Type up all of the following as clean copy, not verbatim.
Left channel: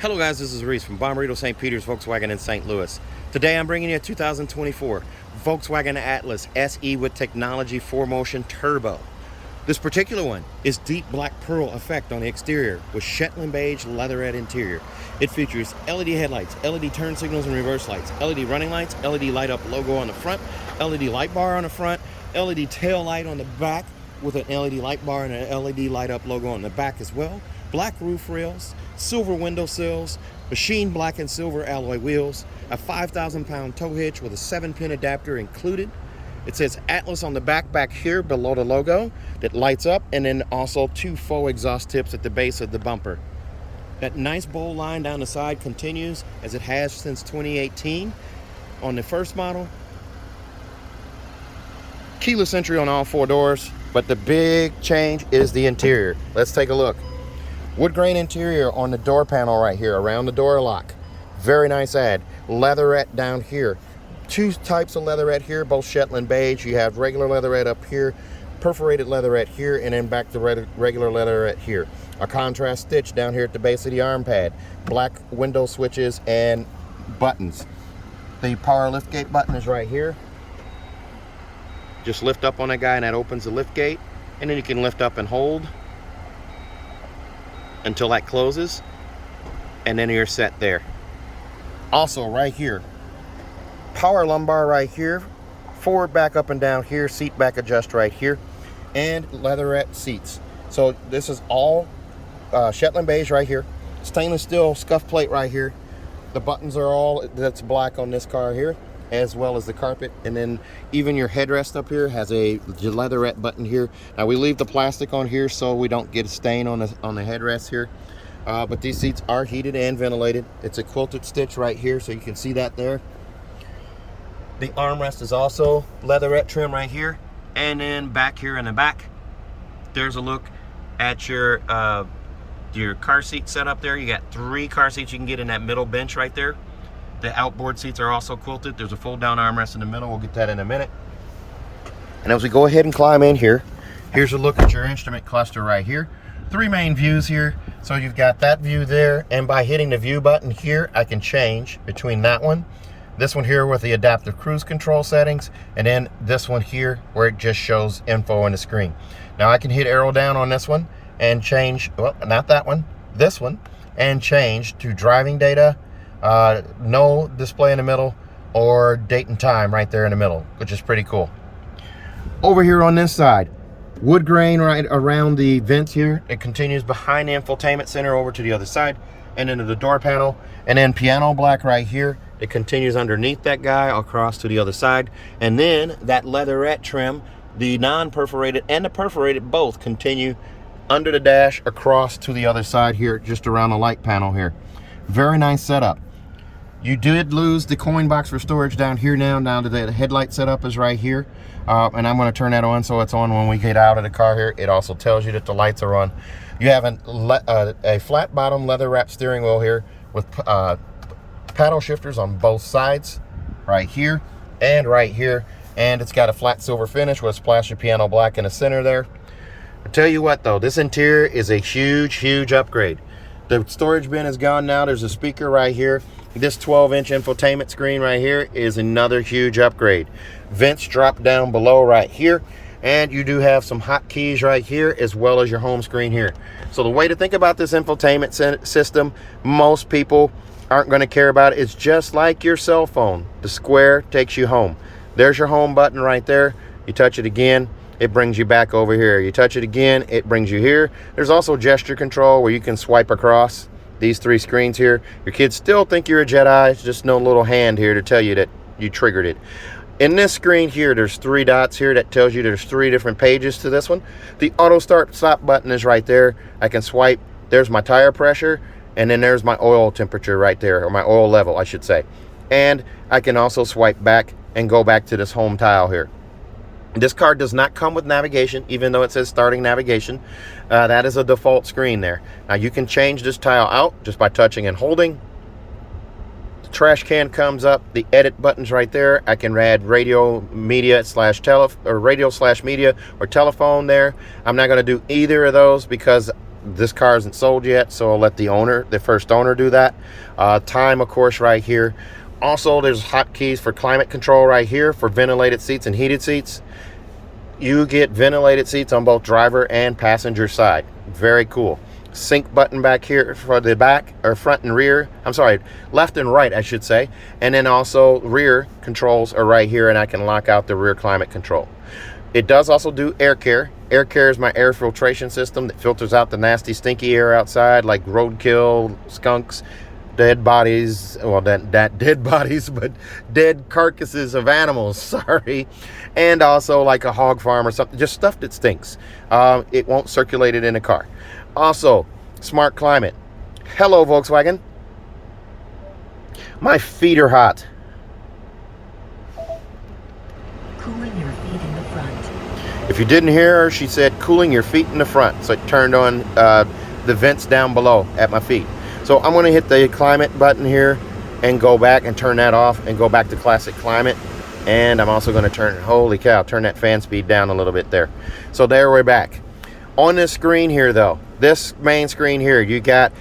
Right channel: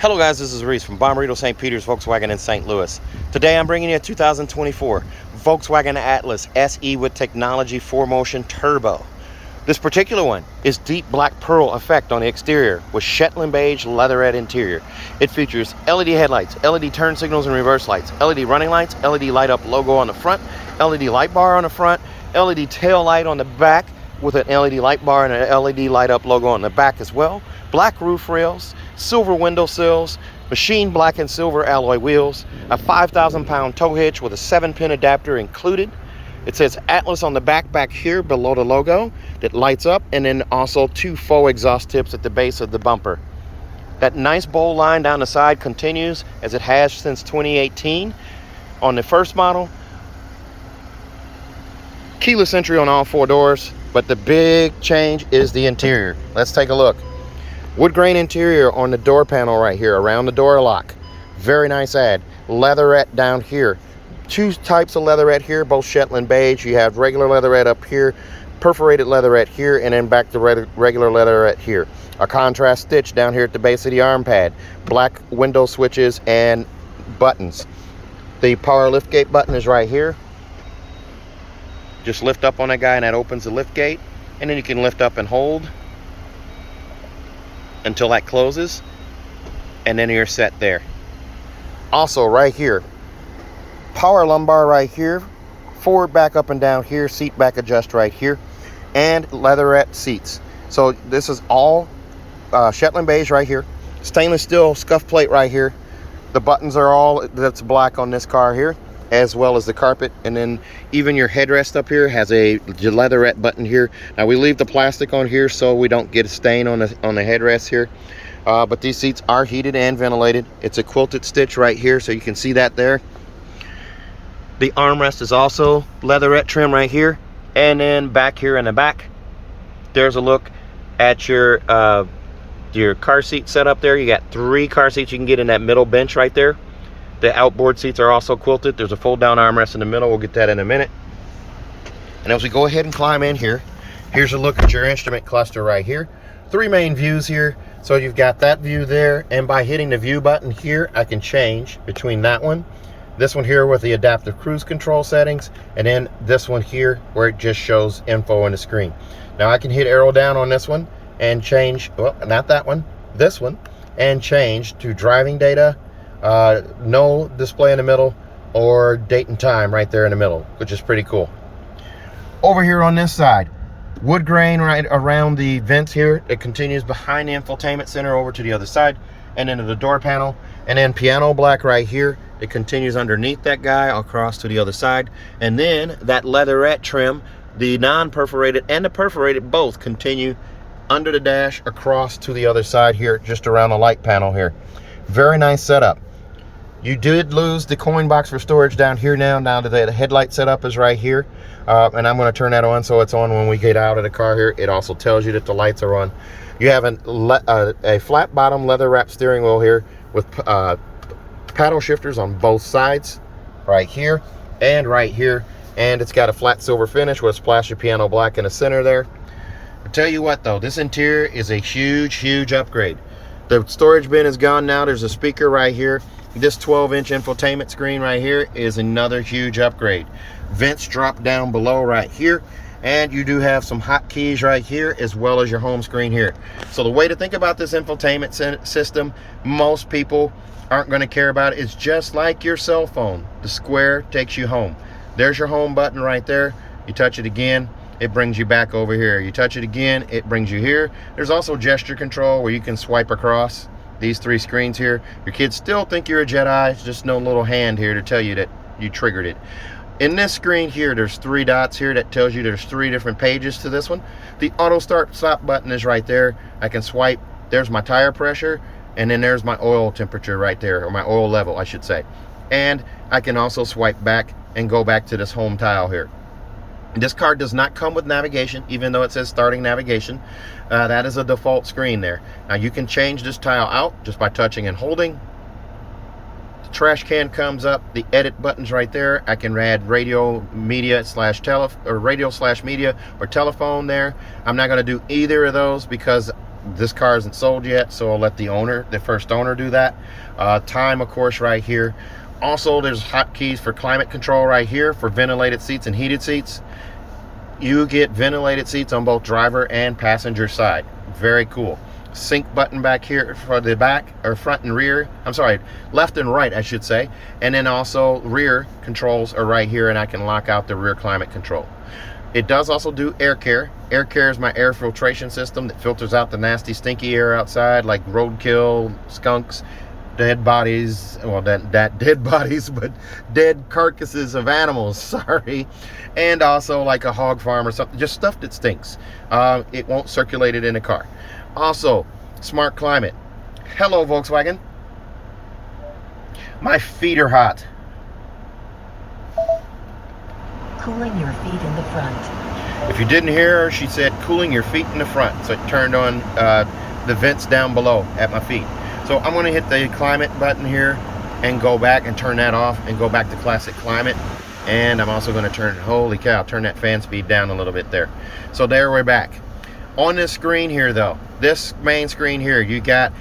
Hello guys, this is Reese from Bomberito St. Peter's Volkswagen in St. Louis. Today I'm bringing you a 2024 Volkswagen Atlas SE with technology 4Motion Turbo. This particular one is deep black pearl effect on the exterior with Shetland beige leatherette interior. It features LED headlights, LED turn signals and reverse lights, LED running lights, LED light up logo on the front, LED light bar on the front, LED tail light on the back with an LED light bar and an LED light up logo on the back as well. Black roof rails, silver window sills, machined black and silver alloy wheels, a 5,000 pound tow hitch with a 7-pin adapter included. It says Atlas on the back here below the logo that lights up, and then also 2 faux exhaust tips at the base of the bumper. That nice bowl line down the side continues as it has since 2018 on the first model. Keyless entry on all 4 doors, but the big change is the interior. Let's take a look. Wood grain interior on the door panel right here around the door lock. Very nice add. Leatherette down here. 2 types of leatherette here, both Shetland beige. You have regular leatherette up here, perforated leatherette here, and then back to regular leatherette here. A contrast stitch down here at the base of the arm pad. Black window switches and buttons. The power lift gate button is right here. Just lift up on that guy and that opens the lift gate, and then you can lift up and hold until that closes, and then you're set there. Also right here, power lumbar right here, forward back up and down here, seat back adjust right here, and leatherette seats. So this is all Shetland beige right here, stainless steel scuff plate right here. The buttons are all that's black on this car here, as well as the carpet, and then even your headrest up here has a leatherette button here. Now we leave the plastic on here so we don't get a stain on the headrest here, but these seats are heated and ventilated. It's a quilted stitch right here, so you can see that there. The armrest is also leatherette trim right here, and then back here in the back there's a look at your car seat setup there. You got 3 car seats you can get in that middle bench right there. The outboard seats are also quilted. There's a fold down armrest in the middle. We'll get that in a minute. And as we go ahead and climb in here, here's a look at your instrument cluster right here. 3 main views here. So you've got that view there, and by hitting the view button here, I can change between that one, this one here with the adaptive cruise control settings, and then this one here where it just shows info on the screen. Now I can hit arrow down on this one and change, well, not that one, this one, and change to driving data, no display in the middle, or date and time right there in the middle, which is pretty cool. Over here on this side, wood grain right around the vents here. It continues behind the infotainment center over to the other side and into the door panel, and then piano black right here. It continues underneath that guy across to the other side, and then that leatherette trim, the non-perforated and the perforated both continue under the dash across to the other side here, just around the light panel here. Very nice setup. You did lose the coin box for storage down here now. Now that the headlight setup is right here, and I'm going to turn that on so it's on when we get out of the car here. It also tells you that the lights are on. You have a flat bottom leather wrap steering wheel here with paddle shifters on both sides, right here and right here, and it's got a flat silver finish with a splash of piano black in the center there. I'll tell you what though, this interior is a huge upgrade. The storage bin is gone now. There's a speaker right here. This 12-inch infotainment screen right here is another huge upgrade. Vents drop down below right here, and you do have some hotkeys right here as well as your home screen here. So the way to think about this infotainment system, most people aren't going to care about it. It's just like your cell phone. The square takes you home. There's your home button right there. You touch it again, it brings you back over here. You touch it again, it brings you here. There's also gesture control where you can swipe across these 3 screens here. Your kids still think you're a Jedi. It's just no little hand here to tell you that you triggered it. In this screen here, there's 3 dots here that tells you there's 3 different pages to this one. The auto start stop button is right there. I can swipe. There's my tire pressure, and then there's my oil temperature right there, or my oil level I should say. And I can also swipe back and go back to this home tile here. This car does not come with navigation, even though it says starting navigation. That is a default screen there. Now you can change this tile out just by touching and holding. The trash can comes up, the edit button's right there. I can add radio media slash media or telephone there. I'm not going to do either of those because this car isn't sold yet, so I'll let the first owner do that. Time, of course, right here. Also, there's hotkeys for climate control right here for ventilated seats and heated seats. You get ventilated seats on both driver and passenger side. Very cool. Sync button back here for the back, or front and rear. I'm sorry, left and right, I should say. And then also rear controls are right here, and I can lock out the rear climate control. It does also do air care. Air care is my air filtration system that filters out the nasty, stinky air outside, like roadkill, skunks, dead bodies. Well, that dead bodies, but dead carcasses of animals. Sorry. And also like a hog farm or something, just stuff that stinks. It won't circulate it in the car. Also, smart climate. Hello, Volkswagen. My feet are hot. Cooling your feet in the front. If you didn't hear her, she said cooling your feet in the front. So it turned on the vents down below at my feet. So I'm going to hit the climate button here and go back and turn that off and go back to classic climate. And I'm also going to turn, holy cow, turn that fan speed down a little bit there. So there, we're back. On this screen here, though, this main screen here, you got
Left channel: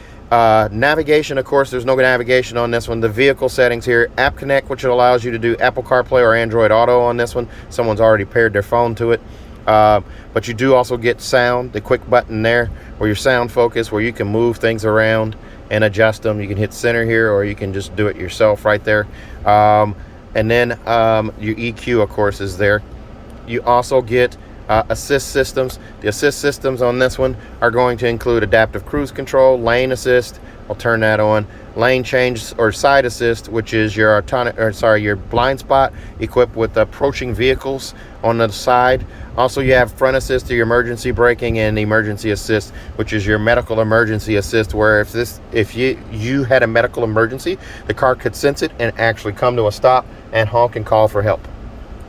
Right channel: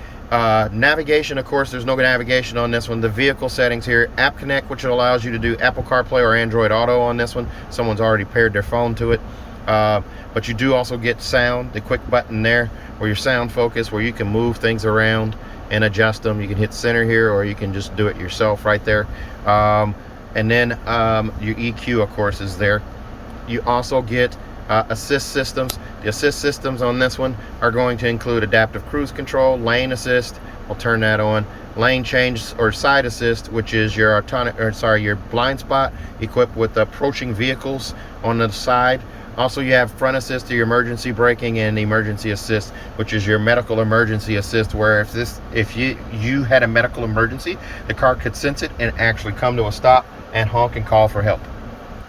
navigation. Of course, there's no navigation on this one. The vehicle settings here, App Connect, which allows you to do Apple CarPlay or Android Auto on this one. Someone's already paired their phone to it. But you do also get sound, the quick button there, where your sound focus, where you can move things around and adjust them. You can hit center here, or you can just do it yourself right there. And then your EQ, of course, is there. You also get assist systems. The assist systems on this one are going to include adaptive cruise control, lane assist. I'll turn that on. Lane change or side assist, which is your your blind spot equipped with approaching vehicles on the side. Also, you have front assist to your emergency braking, and emergency assist, which is your medical emergency assist, where if you had a medical emergency, the car could sense it and actually come to a stop and honk and call for help.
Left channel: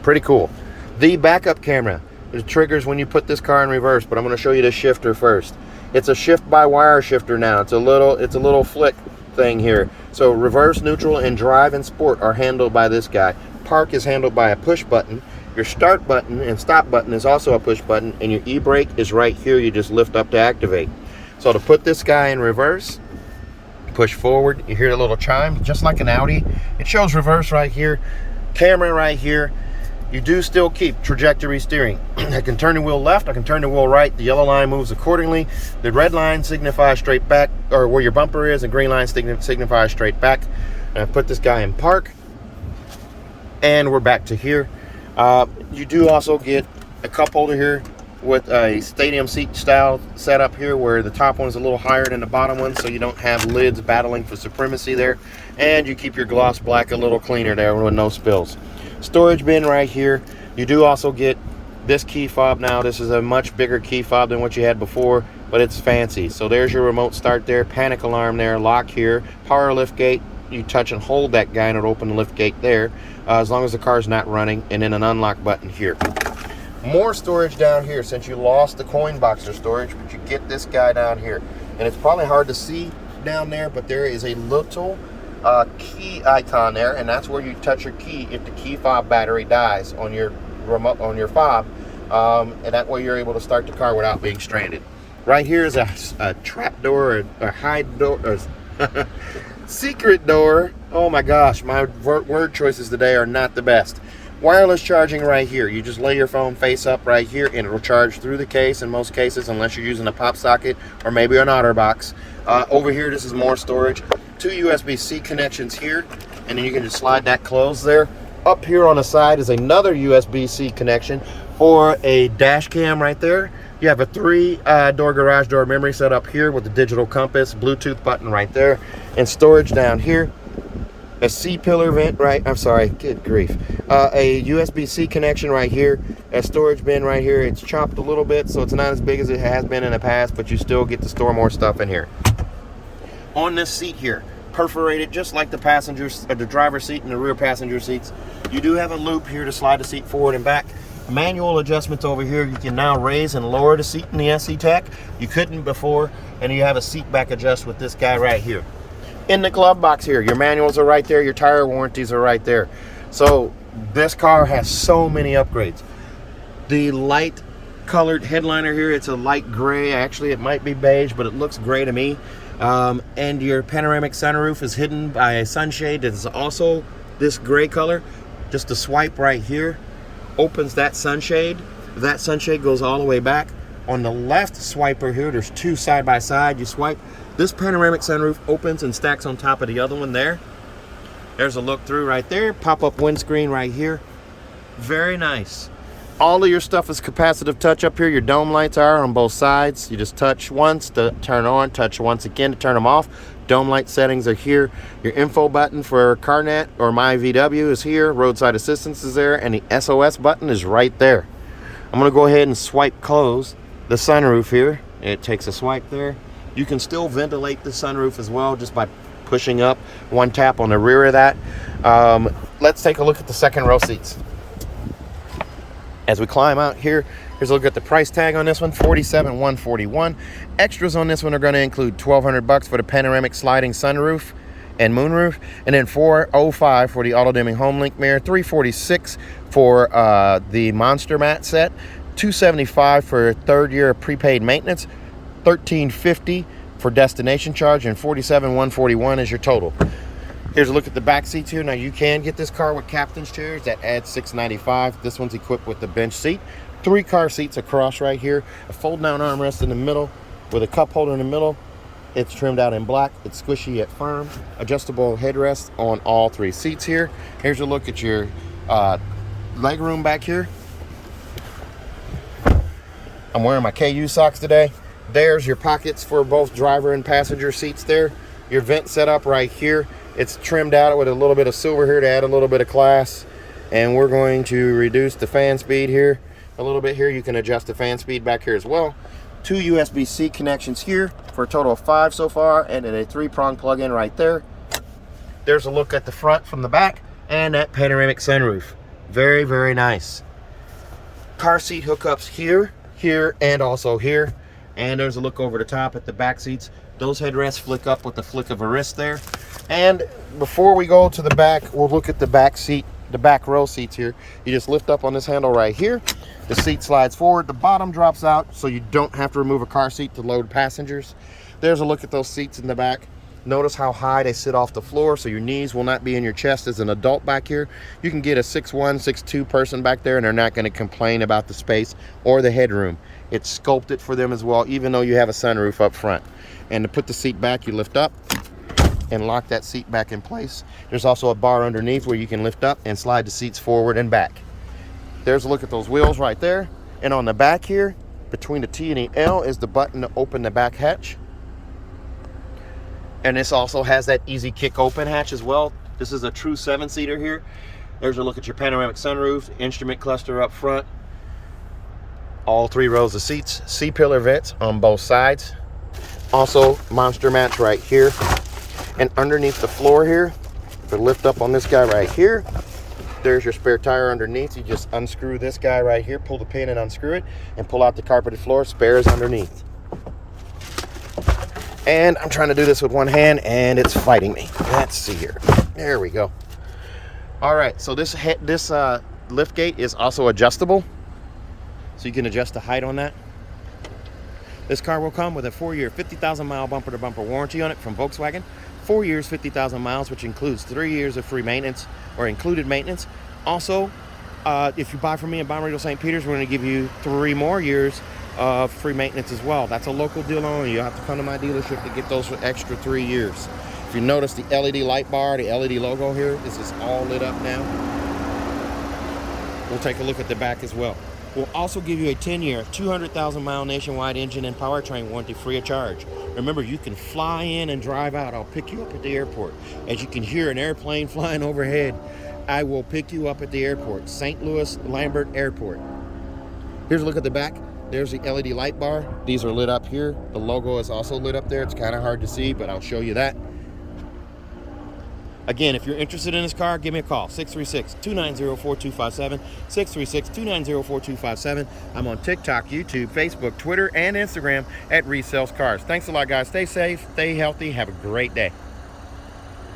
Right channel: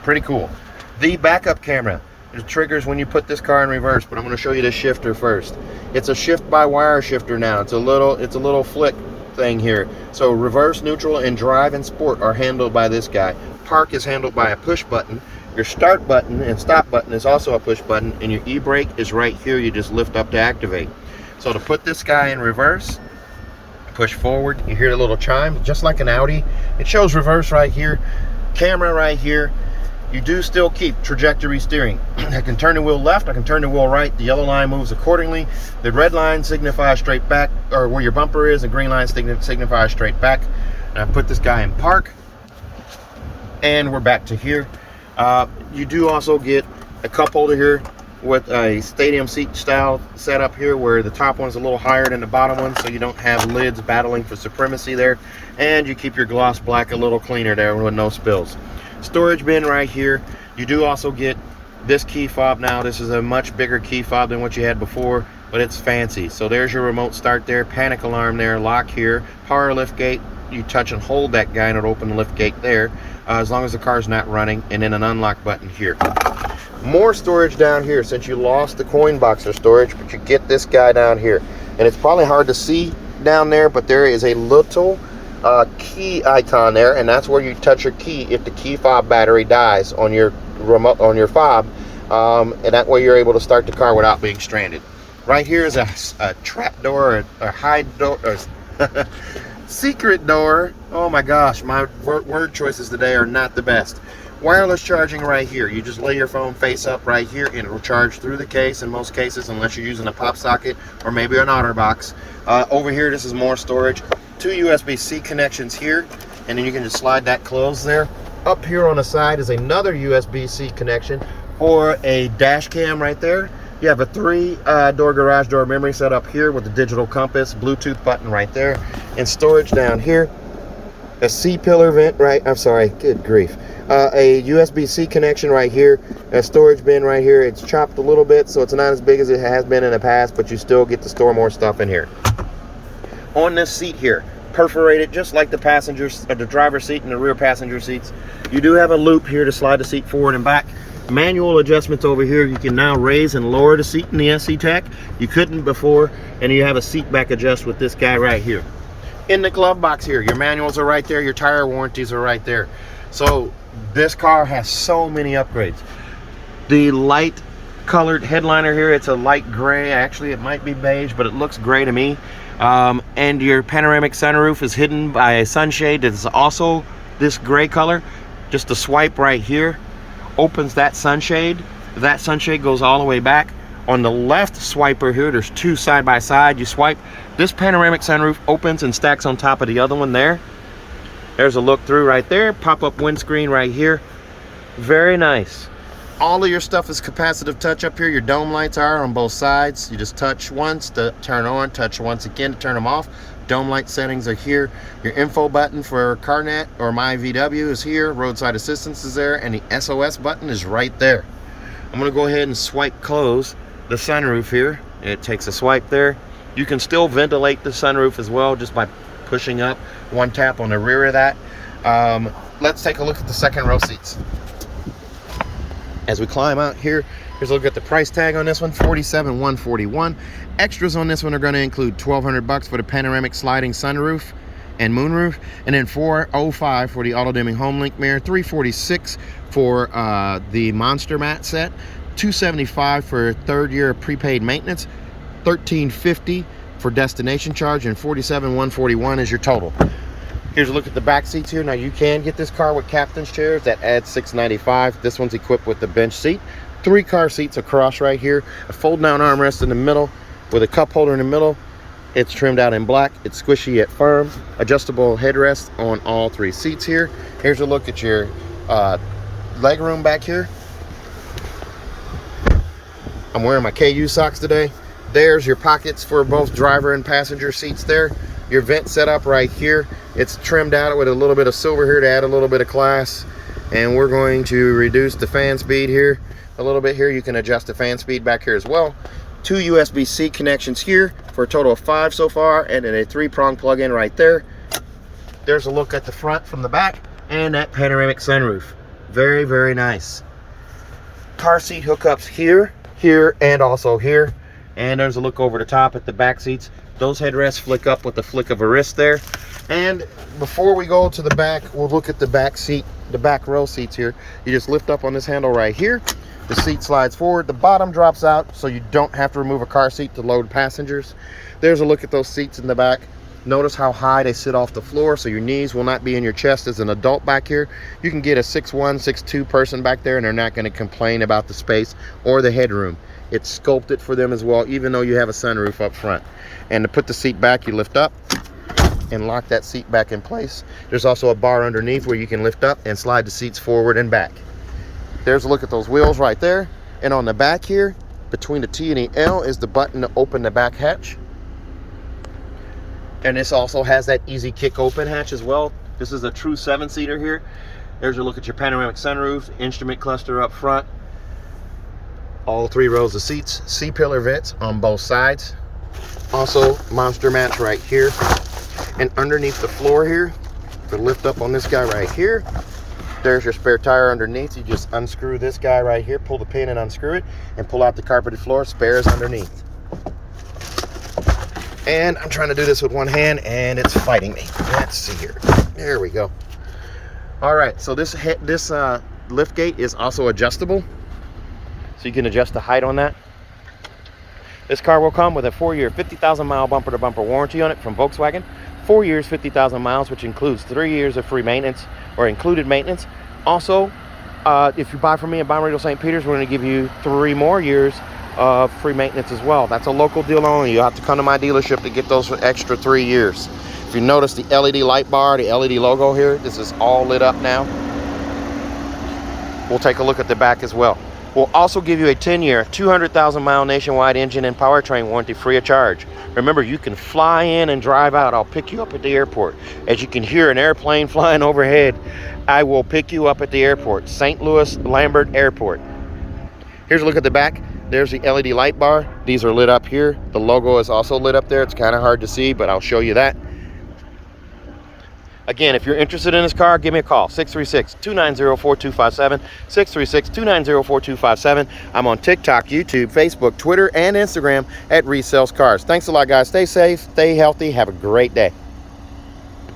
Pretty cool. The backup camera. It triggers when you put this car in reverse, but I'm going to show you the shifter first. It's a shift by wire shifter now. It's a little flick thing here. So reverse, neutral, and drive and sport are handled by this guy. Park is handled by a push button. Your start button and stop button is also a push button, and your e-brake is right here. You just lift up to activate. So to put this guy in reverse, push forward, you hear a little chime, just like an Audi. It shows reverse right here, camera right here. You do still keep trajectory steering. I can turn the wheel left, I can turn the wheel right. The yellow line moves accordingly. The red line signifies straight back, or where your bumper is, and green line signifies straight back. And I put this guy in park, and we're back to here. You do also get a cup holder here with a stadium seat style setup here, where the top one's a little higher than the bottom one, so you don't have lids battling for supremacy there. And you keep your gloss black a little cleaner there with no spills. Storage bin right here. You do also get this key fob now. This is a much bigger key fob than what you had before, but it's fancy. So there's your remote start there, panic alarm there, lock here, power lift gate. You touch and hold that guy and it'll open the lift gate there, as long as the car's not running, and then an unlock button here. More storage down here, since you lost the coin boxer storage, but you get this guy down here. And it's probably hard to see down there, but there is a little key icon there, and that's where you touch your key if the key fob battery dies on your remote, on your fob, and that way you're able to start the car without being stranded. Right here is a trap door, a hide door, secret door. Oh my gosh, my word choices today are not the best. Wireless charging right here. You just lay your phone face up right here, and it'll charge through the case in most cases, unless you're using a pop socket or maybe an OtterBox. Over here, this is more storage. 2 USB-C connections here, and then you can just slide that closed there. Up here on the side is another USB-C connection for a dash cam right there. You have a 3-door garage door memory set up here with the digital compass, Bluetooth button right there, and storage down here. A C-pillar vent, right? I'm sorry, good grief. A USB-C connection right here, a storage bin right here. It's chopped a little bit, so it's not as big as it has been in the past, but you still get to store more stuff in here. On this seat here, perforated just like the passengers, the driver's seat and the rear passenger seats. You do have a loop here to slide the seat forward and back. Manual adjustments over here. You can now raise and lower the seat in the SE TAC. You couldn't before, and you have a seat back adjust with this guy right here. In the glove box here, your manuals are right there, your tire warranties are right there. So this car has so many upgrades. The light colored headliner here. It's a light gray. Actually, it might be beige, but it looks gray to me. And your panoramic sunroof is hidden by a sunshade that is also this gray color. Just a swipe right here opens that sunshade. That sunshade goes all the way back. On the left swiper here, there's two side by side. You swipe, this panoramic sunroof opens and stacks on top of the other one there. There's a look through right there. Pop-up windscreen right here. Very nice. All of your stuff is capacitive touch up here. Your dome lights are on both sides. You just touch once to turn on, touch once again to turn them off. Dome light settings are here. Your info button for CarNet or My VW is here. Roadside assistance is there, and the SOS button is right there. I'm gonna go ahead and swipe close the sunroof here. It takes a swipe there. You can still ventilate the sunroof as well just by pushing up one tap on the rear of that. Let's take a look at the second row seats. As we climb out here, here's a look at the price tag on this one, $47,141. Extras on this one are going to include $1,200 for the panoramic sliding sunroof and moonroof, and then $405 for the auto dimming home link mirror, $346 for the monster mat set, $275 for third year of prepaid maintenance, $1,350 for destination charge, and $47,141 is your total. Here's a look at the back seats here. Now you can get this car with captain's chairs that adds $695. This one's equipped with the bench seat. 3 car seats across right here. A fold down armrest in the middle with a cup holder in the middle. It's trimmed out in black. It's squishy yet firm. Adjustable headrest on all 3 seats here. Here's a look at your leg room back here. I'm wearing my KU socks today. There's your pockets for both driver and passenger seats there. Your vent setup right here. It's trimmed out with a little bit of silver here to add a little bit of class. And we're going to reduce the fan speed here a little bit here. You can adjust the fan speed back here as well. 2 USB-C connections here for a total of 5 so far, and then a 3-prong plug-in right there. There's a look at the front from the back and that panoramic sunroof. Very, very nice. Car seat hookups here, here, and also here. And there's a look over the top at the back seats. Those headrests flick up with the flick of a wrist there. And before we go to the back, we'll look at the back seat, the back row seats here. You just lift up on this handle right here. The seat slides forward, the bottom drops out, so you don't have to remove a car seat to load passengers. There's a look at those seats in the back. Notice how high they sit off the floor, so your knees will not be in your chest as an adult back here. You can get a 6'1", 6'2" person back there, and they're not going to complain about the space or the headroom. It's sculpted for them as well, even though you have a sunroof up front. And to put the seat back, you lift up and lock that seat back in place. There's also a bar underneath where you can lift up and slide the seats forward and back. There's a look at those wheels right there. And on the back here, between the T and the L, is the button to open the back hatch. And this also has that easy kick open hatch as well. This is a true 7-seater here. There's a look at your panoramic sunroof, instrument cluster up front. All 3 rows of seats, C-pillar vents on both sides. Also, monster mats right here. And underneath the floor here, to lift up on this guy right here, there's your spare tire underneath. You just unscrew this guy right here, pull the pin and unscrew it, and pull out the carpeted floor. Spares underneath. And I'm trying to do this with one hand, and it's fighting me. Let's see here. There we go. All right, so this lift gate is also adjustable. So you can adjust the height on that. This car will come with a 4-year, 50,000-mile bumper-to-bumper warranty on it from Volkswagen. 4 years, 50,000 miles, which includes 3 years of free maintenance or included maintenance. Also, if you buy from me in Bommarito St. Peter's, we're going to give you 3 more years of free maintenance as well. That's a local deal only. You have to come to my dealership to get those for extra 3 years. If you notice the LED light bar, the LED logo here, this is all lit up now. We'll take a look at the back as well. We'll also give you a 10-year, 200,000-mile nationwide engine and powertrain warranty free of charge. Remember, you can fly in and drive out. I'll pick you up at the airport. As you can hear an airplane flying overhead, I will pick you up at the airport, St. Louis Lambert Airport. Here's a look at the back. There's the LED light bar. These are lit up here. The logo is also lit up there. It's kind of hard to see, but I'll show you that. Again, if you're interested in this car, give me a call, 636-290-4257, 636-290-4257. I'm on TikTok, YouTube, Facebook, Twitter, and Instagram at Reese Sells Cars. Thanks a lot, guys. Stay safe, stay healthy, have a great day.